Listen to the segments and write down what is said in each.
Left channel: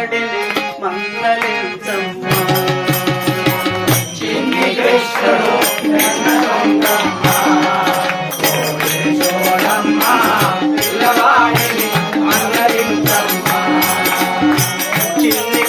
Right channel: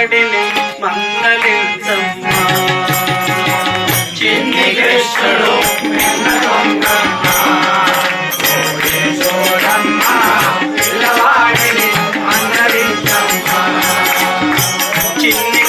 పిల్లవాడిని మందలించమ్మా. చిన్ని కృష్ణుడు చిన్ని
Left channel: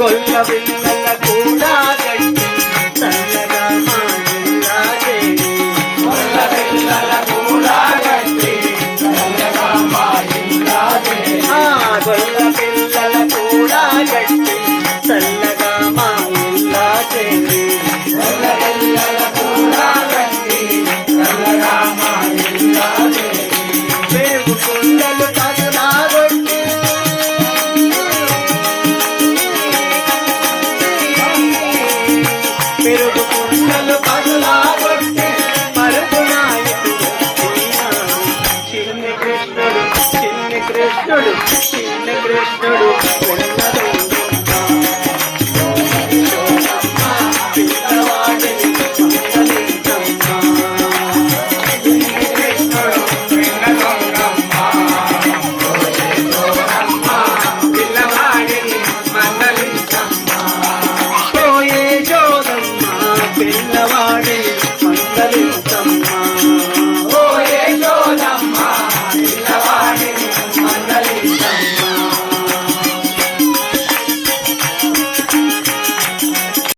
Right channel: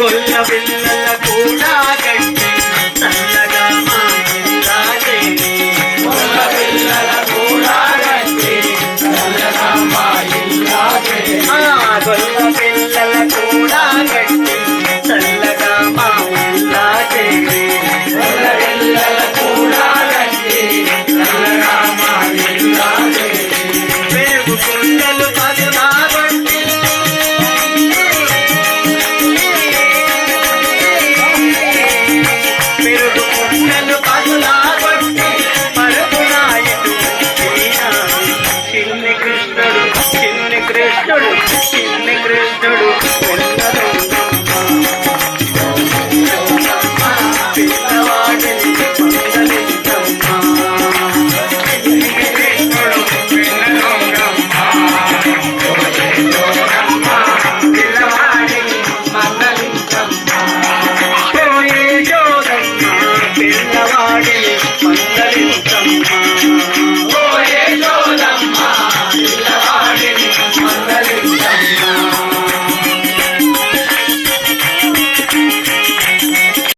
గొల్ల పిల్లల కూడా గట్టి చల్లగా మా ఇల్లాదేవి. పిల్లల కూడా గట్టి చల్లగా మా ఇల్లాదేవి. పెరుగు కుండలు ¡No lo piches, negros, no lo!